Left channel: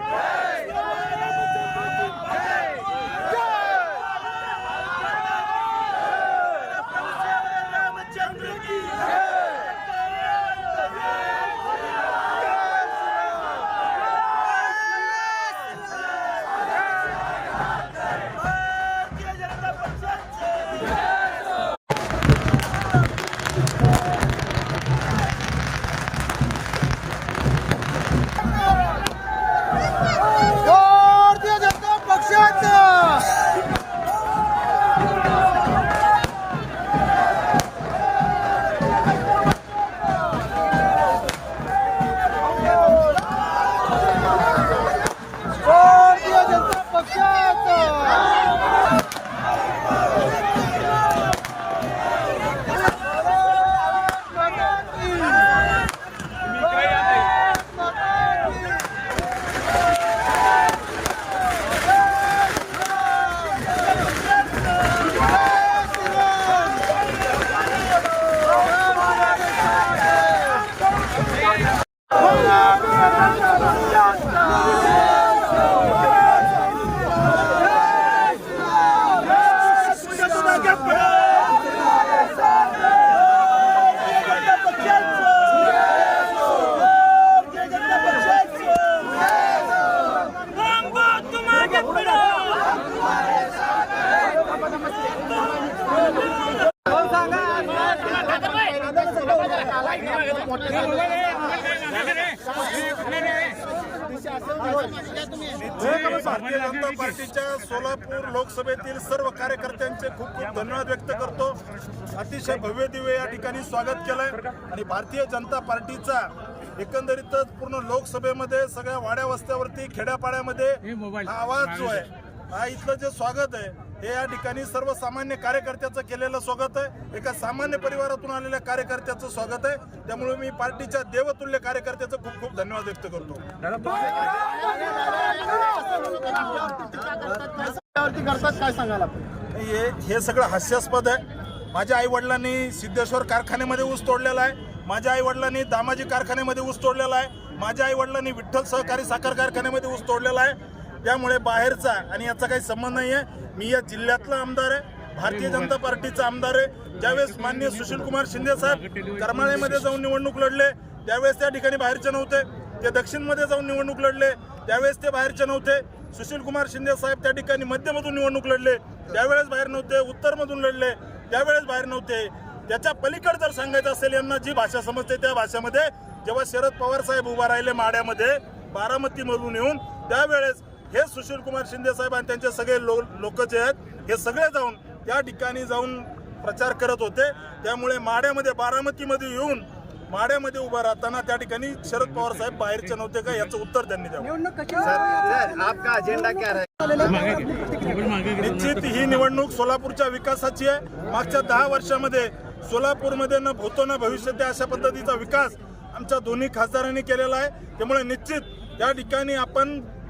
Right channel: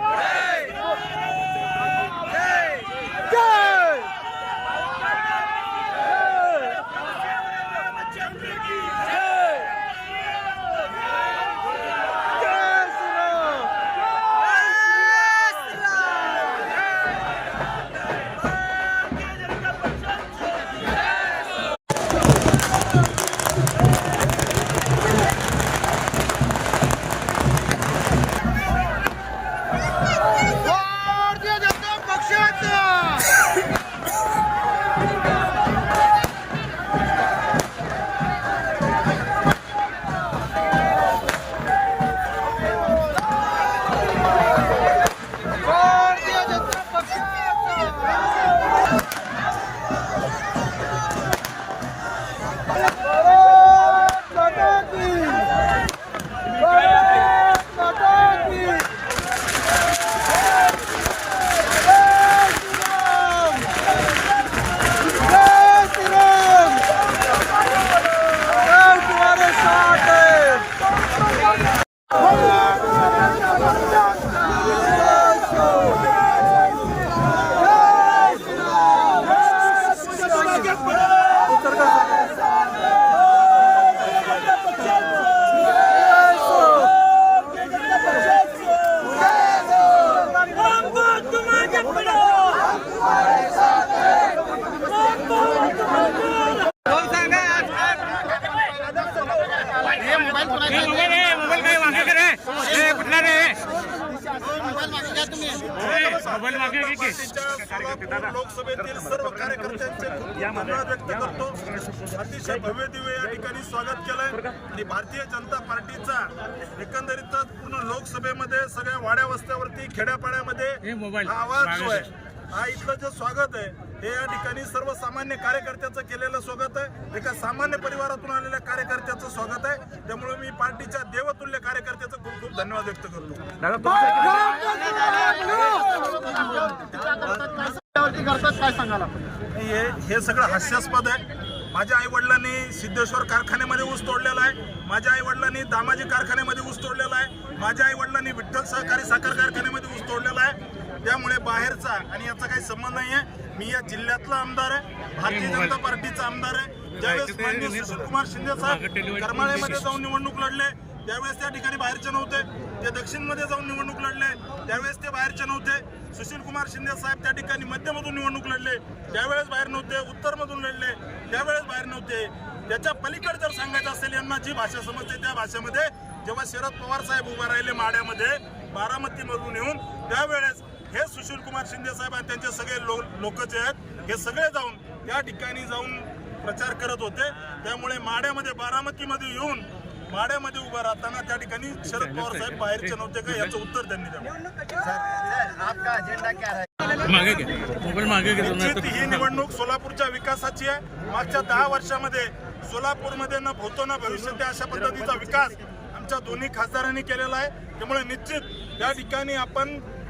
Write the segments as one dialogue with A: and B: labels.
A: Yeah. Solapur लोकसभेतील सर्व कार्यकर्त्यांचे खूप खूप धन्यवाद व्यक्त करतो. अतिशय भव्य दिव्य या ठिकाणी स्वागत केलंय. आणि भारतीय जनता पार्टीचा एकंदरीतच पूर्ण लोकसभेमध्ये सगळ्या वाड्या वस्त्यावरती खेड्यापाड्यामध्ये हा आवाज जो आहे हा इथलं जे स्वागत आहे हे या ठिकाणी सर्वसामान्य कार्यकर्त्याचं केलेलं स्वागत आहे. एका सामान्य परिवारातून आलेल्या कार्यकर्त्याचं स्वागत आहे. त्यामुळे मी पार्टीच्या देवतुल्य कार्यकर्त्याचं खूप खूप धन्यवाद व्यक्त करतो. हे हे सगळं हास्यास्पद आहे. माझ्या आई वडिलांनी सिद्धेश्वर कारखान्यामध्ये ऊस तोडलेला आहे. माझ्या आई वडिलांनी दामाजी कारखान्यामध्ये ऊस तोडलेला आहे. माझ्या आई वडिलांनी विठ्ठल सहकारी साखर कारखान्यामध्ये ऊस तोडलेला आहे. त्यामुळे बाहेरचा आणि याचा काही संबंध नाही आहे मी या जिल्ह्यातला आमदार आहे भारतीय जनता पार्टीचा आमदार आहे. ज्यावेळेस मान्य सुशील कुमार शिंदे साहेब करमाळ्यामध्ये जाऊन निवडणूक लढले त्यावेळेस त्या ठिकाणी बाहेरचे नव्हते. ते दक्षिणमध्ये जाऊन निवडणूक लढले त्यावेळेस ते बाहेरचे नव्हते. सुशील कुमार शिंदे साहेब त्या ठिकाणी मध्यमधून निवडणूक लढले त्यावेळेस बाहेर नव्हते उत्तरमधून लढले त्यावेळेस बाहेर नव्हते. त्याच्या पलीकडे जर सांगायचं असेल यांना जी भाषा समजते त्या भाषेमध्ये जेव्हा शरद पवार साहेब उभा राहिले माड्यामध्ये बारामतीमधून येऊन त्यावेळेस हे सुशील कुमार शिंदे साहेब आणि त्यांचे सगळे लोक जे आहेत हे सगळे जाऊन त्या ठिकाणी जाऊन प्रचार करत होते. त्यामुळे माड्यामध्ये बारामतीमध्ये येऊन माड्यामध्ये उभा राहताना त्या ठिकाणी शरद पवार साहेब बाहेरचे नव्हते का? याचं उत्तर त्यांनी द्यावं. निश्चित ही निवडणूक सोलापूरच्या विकासाची आहे. मागच्या दहा वर्षामध्ये सोलापूरमध्ये न भूतो न भविष्य अशा पद्धतीचा विकास आमच्या दोन्ही खासदारांनी केलेला आहे. त्यामुळे निश्चित या ठिकाणी आपण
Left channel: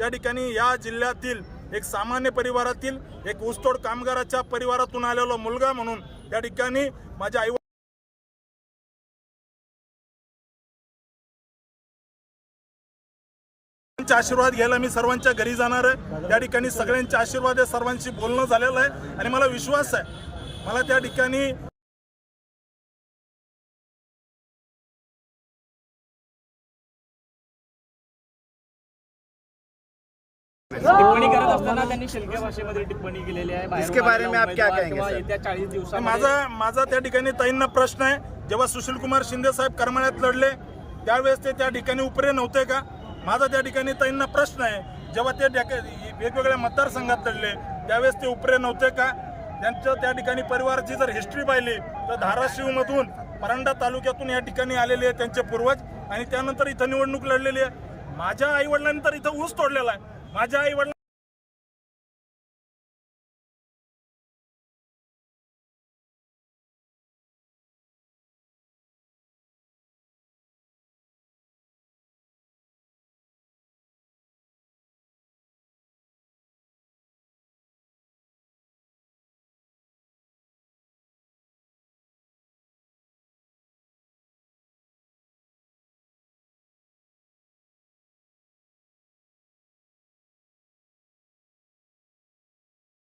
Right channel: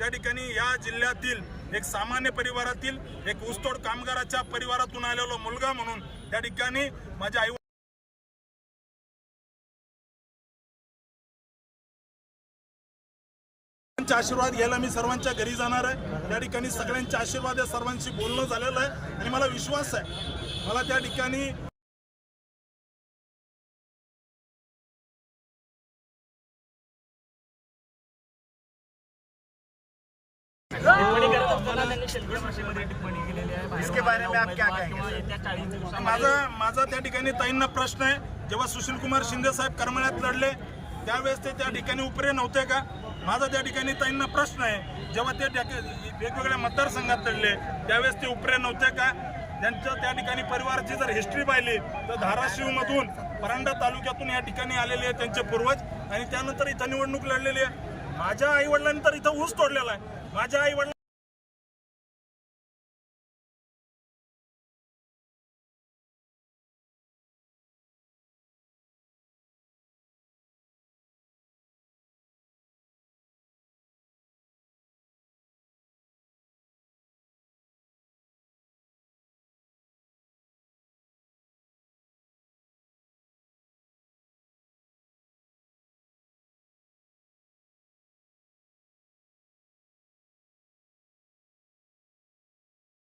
A: या ठिकाणी या जिल्ह्यातील एक सामान्य परिवारातील एक ऊसतोड कामगाराच्या परिवारातून आलेला मुलगा म्हणून त्या ठिकाणी माझ्या आई आशीर्वाद घ्यायला मी सर्वांच्या घरी जाणार आहे. त्या ठिकाणी सगळ्यांचे आशीर्वाद आहे. सर्वांशी बोलणं झालेलं आहे. आणि मला विश्वास आहे. मला त्या ठिकाणी
B: टिप्पणी करत असताना त्यांनी शिलक्या भाषेमध्ये टिप्पणी केलेली आहे
C: इसके बारे में आप क्या
B: उमेदवार
C: कहेंगे,
B: किंवा
C: सर?
B: येत्या चाळीस दिवसात
A: माझा माझा त्या ठिकाणी ताईंना प्रश्न आहे. जेव्हा सुशील कुमार शिंदे साहेब करमाळ्यात लढले त्यावेळेस ते त्या ठिकाणी उपरे नव्हते का? माझा त्या ठिकाणी ताईंना प्रश्न आहे. जेव्हा ते त्या- वेगवेगळ्या मतदारसंघात लढले त्यावेळेस ते उपरे नव्हते का? त्यांच्या त्या ठिकाणी परिवाराची जर हिस्ट्री पाहिली तर धाराशिवमधून परांडा तालुक्यातून या ठिकाणी आलेले आहे त्यांचे पूर्वज आणि त्यानंतर इथं निवडणूक लढलेली आहे. माझ्या आईवडिलांनी तर इथं ऊस तोडलेला आहे. माझ्या आईवडिलांनी